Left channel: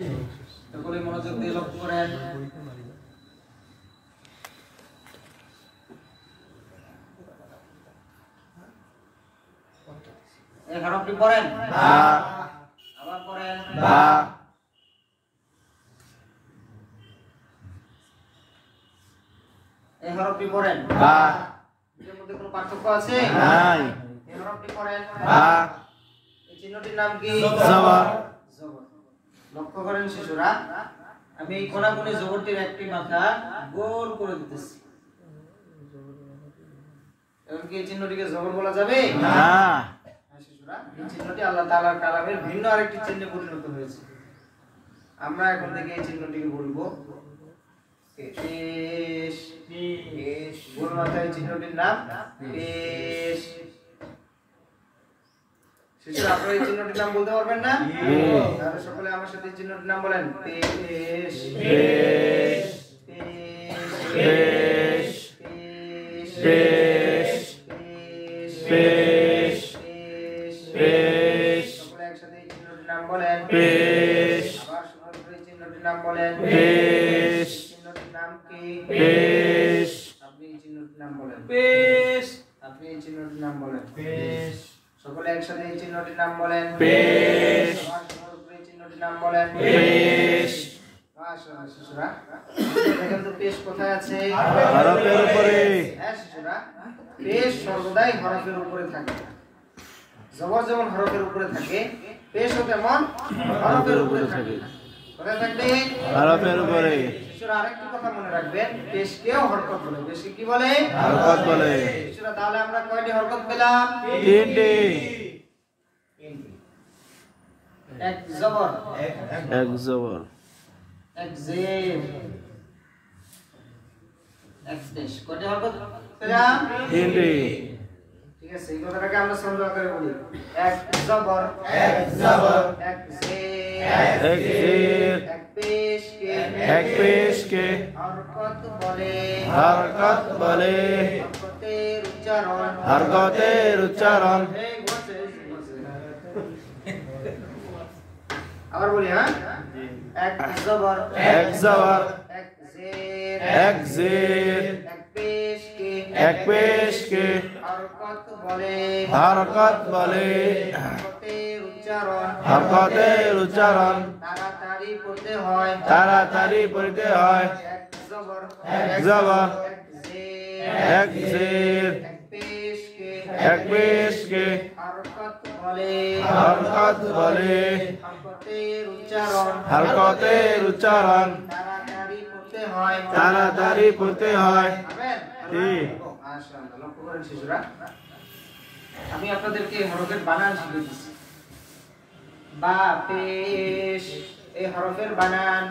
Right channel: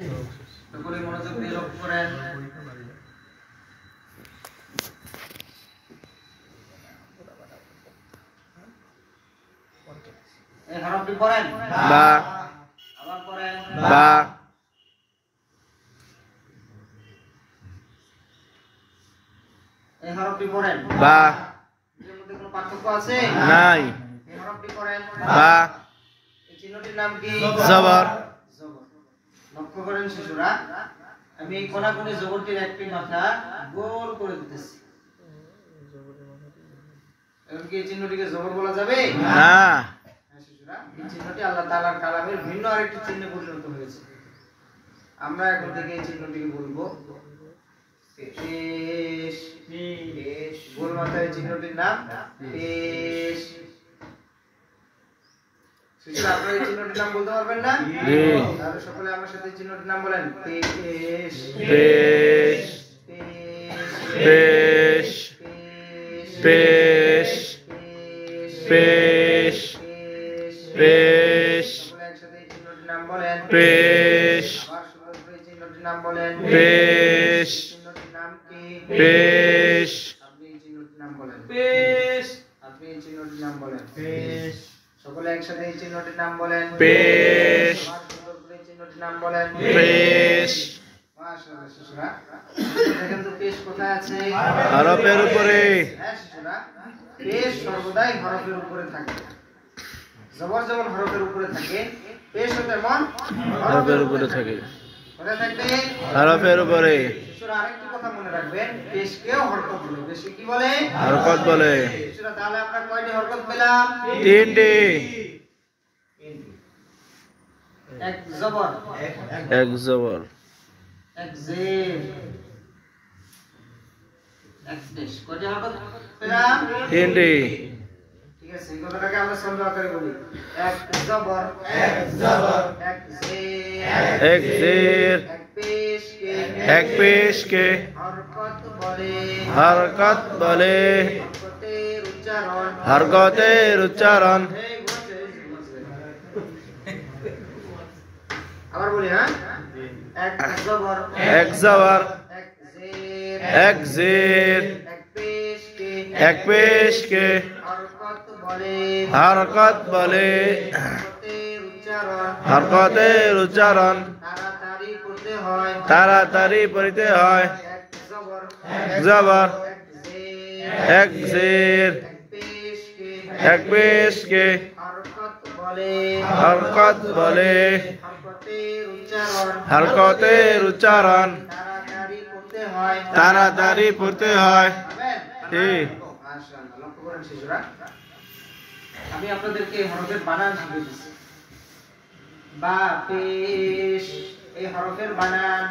সকলে মনোযোগ দিয়ে লক্ষ্য করেন। এই হরফটি পড়েন বা, আবার পড়েন বা, এই হরফটি পড়েন বা, এর মধ্যে কোনো পার্থক্য আছে? নাই, এই হরফটি পড়েন বা, এই চিহ্নটির নাম কি? জবর, জবর। লক্ষ্য করেন শিশুরা, আমি এই কোনাকুনি জবরটির একটি মাথা গোল করে দিতেছি। এখন কি এই চিহ্নটিকে জবর বলা যাবে? না, হ্যাঁ শিশুরা, এই চিহ্নটি আল্লাহ তাআলার কালামের ভিন্ন আরেকটি চিহ্নে পরিণত হয়েছে। আমরা এখন থেকে এই চিহ্নটিকে বলবো পেশ। পেশ গোল মাথার এই চিহ্নটির নাম পেশ। শিশুরা, আপনারা এই চিহ্নটির নাম বলতে পারবেন না? তাহলে সকলে আমার সাথে এই চিহ্নটির নাম বলেন। পেশ, পেশ, পেশ, পেশ, পেশ, পেশ, পেশ, সকলে একসাথে এই চিহ্নটির নাম বলেন। পেশ, আবার সুন্দর করে এই চিহ্নটির নাম বলেন। পেশ, চিহ্নটির নাম কি? পেশ, আপনি এই চিহ্নটির নাম বলেন। পেশ, আপনি এই চিহ্নটির নাম বলেন। পেশ, সকলে একসাথে এই চিহ্নটির নাম বলেন। পেশ, আবার সুন্দর করে এই চিহ্নটির নাম বলেন। পেশ, মাশাআল্লাহ শিশুরা, দেখেন তো পেশ কোথায় আছে? হরফের উপরে, হ্যাঁ শিশুরা, পেশ সর্বদাই হরফের উপরে থাকে। জবর যেমন হরফের উপরে থাকে, পেশও তেমন হরফের উপরে থাকে, কোথায় থাকবে? হরফের উপরে, শিশুরা আরেকটি কথা মনে রাখবেন, পেশকেও হরকত বলে। পেশকে কি বলে? হরকত বলে, শিশুরা, তাহলে আমরা কয়টি হরকত পেলাম? তিনটি, এক জবর, এক জবর, এক জের, এক পেশ। কয়টি হরকত পেলাম? তিনটি, ঠিক আছে, এই কথাটাকে আমরা সন্দেহ আকারে বলি। এক জবর, এক জবর, এক জের, এক জের, এক পেশকে এক পেশকে হরকত বলে। হরকত বলে, হরকতের উচ্চারণ হরকতের উচ্চারণ, আবার বলি, হ্যাঁ, এক জবর, এক জবর, এক জের, এক জের, এক পেশকে এক পেশকে হরকত বলে। হরকত বলে, হরকতের উচ্চারণ হরকতের উচ্চারণ তাড়াতাড়ি পড়তে হয়। তাড়াতাড়ি পড়িতে হয়, এক জবর, এক জবর, এক জের, এক জের, এক পেশকে এক পেশকে হরকত বলে। হরকত বলে, হরকতের উচ্চারণ হরকতের উচ্চারণ তাড়াতাড়ি পড়তে হয়। তাড়াতাড়ি পড়তে হয়। পারবেন? ঠিক। মাশাআল্লাহ, লক্ষ্য করেন শিশুরা, আমি আপনাদেরকে এই হরফের বানান শিখিয়ে দিচ্ছি। বা পেশ, এই হরফের বানান।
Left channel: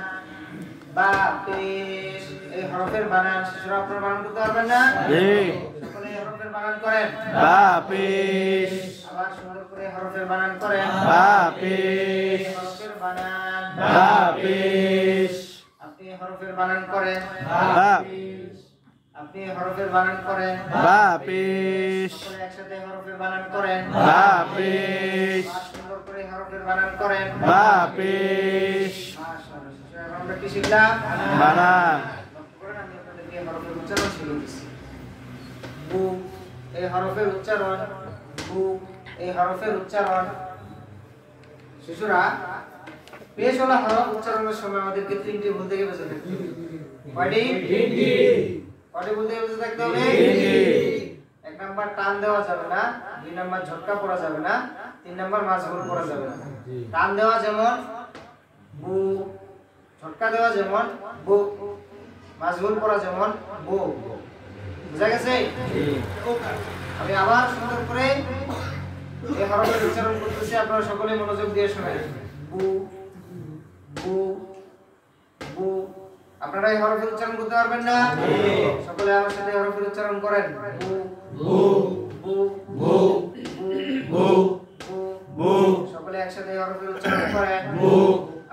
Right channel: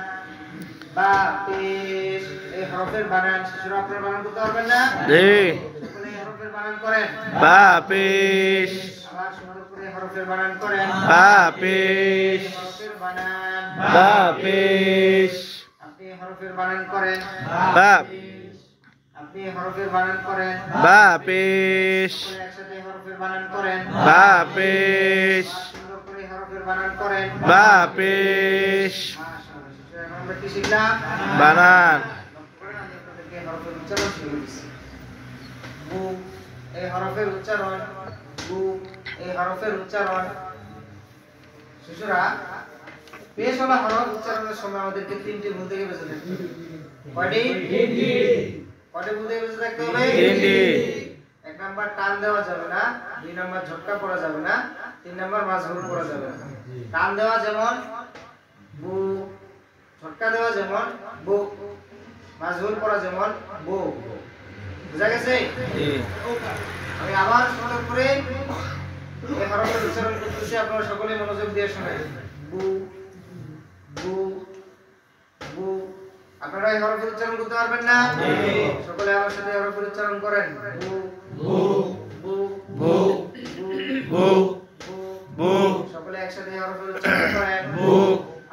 বা পেশ, এই হরফের বানান। শিশুরা, আপনারা বানান করতে পারবেন না? রে, সকলে এই হরফের বানান করেন। বা পেশ, আবার সুন্দর করে হরফের বানান করেন। বা পেশ, হরফের বানান। বা পেশ, আপনি হরফের বানান করেন। বা, আপনি হরফের বানান করেন। বা পেশ, সকলে একসাথে হরফের বানান করেন। বা পেশ, আর সুন্দর করে হরফের বানান করেন। বা পেশ, মাশাআল্লাহ, শিশুরা, এখন আমরা কি শিখলাম? বানান, লক্ষ্য করেন, আমি আপনাদেরকে হরফের উচ্চারণ শিখিয়ে দিচ্ছি। বু, এই হরফের উচ্চারণ। বু, এই হরফের উচ্চারণ। শিশুরা, পেশ ওলা হরফ উচ্চারণের সময় আমাদেরকে তিনটি ভুল থেকে বেঁচে থাকতে হবে। কয়টি? কয়টি ভুল থেকে বেঁচে থাকতে হবে? তিনটি। এক নাম্বার, টান দেওয়া যাবে না। দুই নাম্বার, ঝটকা পড়া যাবে না। তিন নাম্বার, মাঝঘুর পড়া যাবে না। টান দেওয়া যেমন বু, ঝটকা দেওয়া যেমন বু, মাঝঘুর পড়া যেমন বু। বুঝা গেছে? আমি আবার সুন্দর করে এই হরফের উচ্চারণ করতেছি, আপনারা সকলে মনোযোগ দিয়ে শুনেন। বু, বু, বু। আপনারা এই হরফের উচ্চারণ করতে পারবেন না? সকলে আমার সাথে হরফের উচ্চারণ করেন। বু, বু, বু, বু, বু, বু, বু, সকলে একসাথে হরফের উচ্চারণ করেন। বু,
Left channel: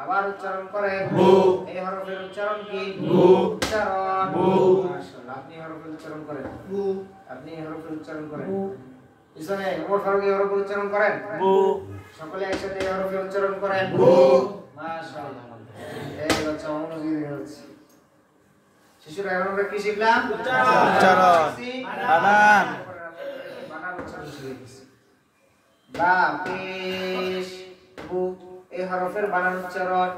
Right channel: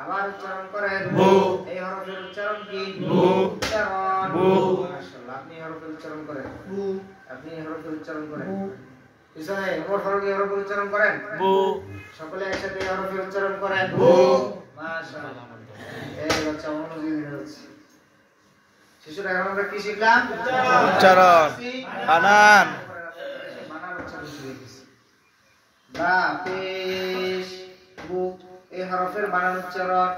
আবার উচ্চারণ করেন। বু, এই হরফের উচ্চারণ কি? বু, উচ্চারণ। বু। মাশাআল্লাহ, আপনি হরফের উচ্চারণ করেন। আপনি হরফের উচ্চারণ করেন। পিছনে ওমর ফারুক হরফের উচ্চারণ করেন। বু, সকলে একসাথে হরফের উচ্চারণ করেন। বু, মাশাআল্লাহ এই বাচ্চা মনোযোগী হচ্ছে শিশুরা এখন আমরা কি শিখলাম উচ্চারণ বানান বানান উচ্চারণ শিখেছি বা পেশ বু এই হরফের বানান উচ্চারণ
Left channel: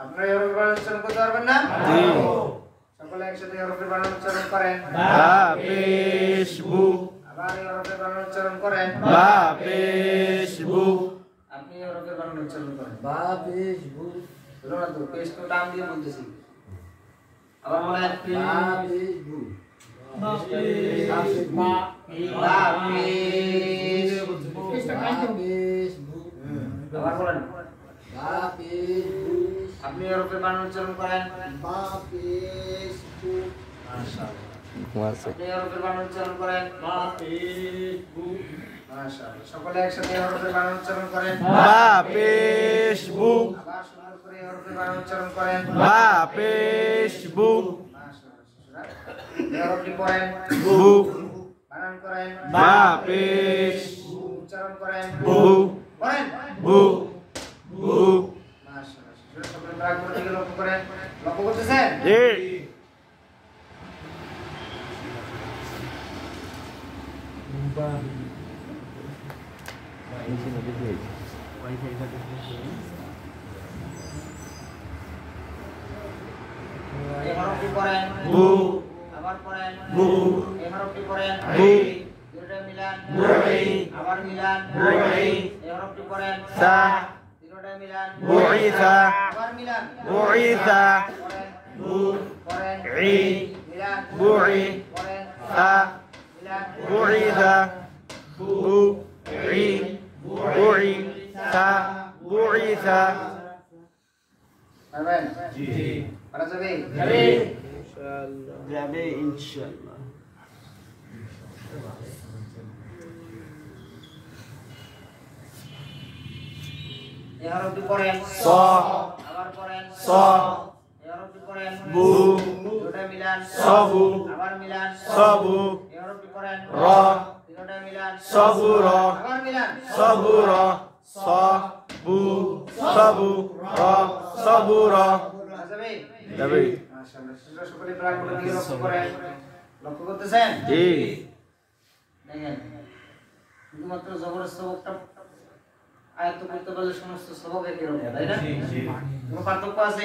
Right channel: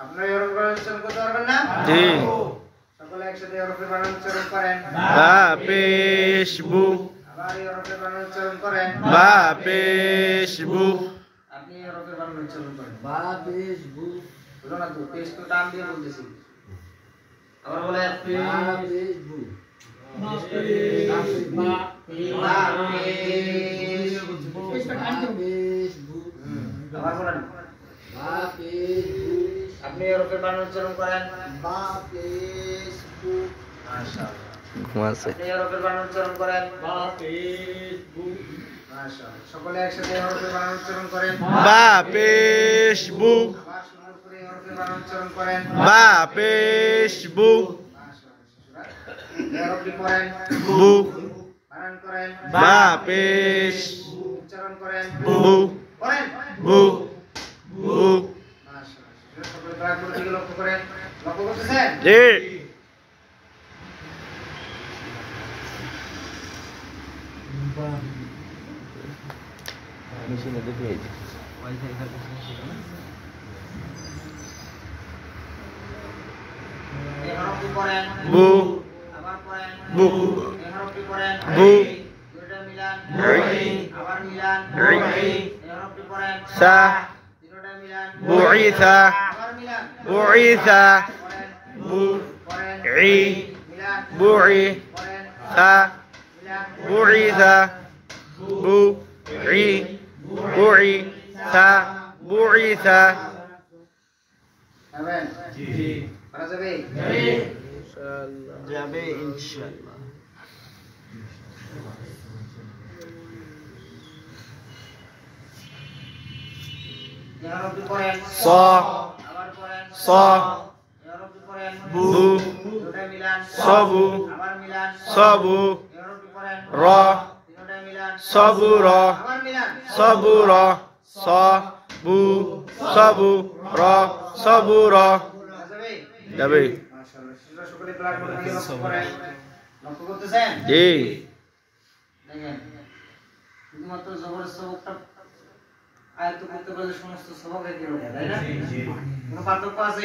আপনারা এই হরফের বানান উচ্চারণ করতে পারবেন না জি সকলে একসাথে এই হরফের বানান উচ্চারণ করেন বা পেশ বু আবার এই হরফের বানান উচ্চারণ করেন বা পেশ বু আপনি এই হরফের বানান উচ্চারণ করেন বা পেশ বু বলো না তো পেশ তো টান দিয়ে বলতেছি আবার বলেন বা পেশ বু বা পেশ বু আবার বলেন বা পেশ বু আপনি এই হরফের বানান উচ্চারণ করেন বা পেশ বু মাশাআল্লাহ ঘুমাচ্ছে আপনি এই হরফের বানান উচ্চারণ করেন বা পেশ বু মাশাআল্লাহ সকলে একসাথে এই হরফের বানান উচ্চারণ করেন বা পেশ বু আবার সুন্দর করে এই হরফের বানান উচ্চারণ করেন বা পেশ বু মাশাআল্লাহ এই হরফটি পড়েন বু বানান করেন বা পেশ উচ্চারণ করেন বু পড়েন বু বু মাশাআল্লাহ সকলে প্রাণপণ দিকে লক্ষ্য করেন লক্ষ্য করতেছেন জি এই হরফটি পড়েন বু আবার পড়েন বু এই হরফটি পড়েন বু দুটো মিলান বুই আবার মিলান বুই এই হরফটি পড়েন সা দুটোটা মিলান বুইসা আবার মিলান বুইসা পড়েন বু পড়েন ই মিলান বুই পড়েন সা মিলান বুইসা বু ই বুই সা বুইসা পারবেন জি পারা যাবে যাবে ইনশাআল্লাহ এই হরফটি পড়েন স আবার পড়েন স এই হরফটি পড়েন বু দুটোটা মিলান সবু আবার মিলান সবু এই হরফটি পড়েন র তিনটা মিলান সবুর আবার মিলান সবুর স বু সবু র সবুর পারা যাবে যাবে মাশাআল্লাহ তোমরা সকলে প্রাণপণ দিকে লক্ষ্য করেন লক্ষ্য করতেছেন জি দেখেন শুধুমাত্র জবর সবকটা আয়ত্ত করতে পারলে সমস্ত সবক একই রকম তাই না কোনো পার্থক্য আছে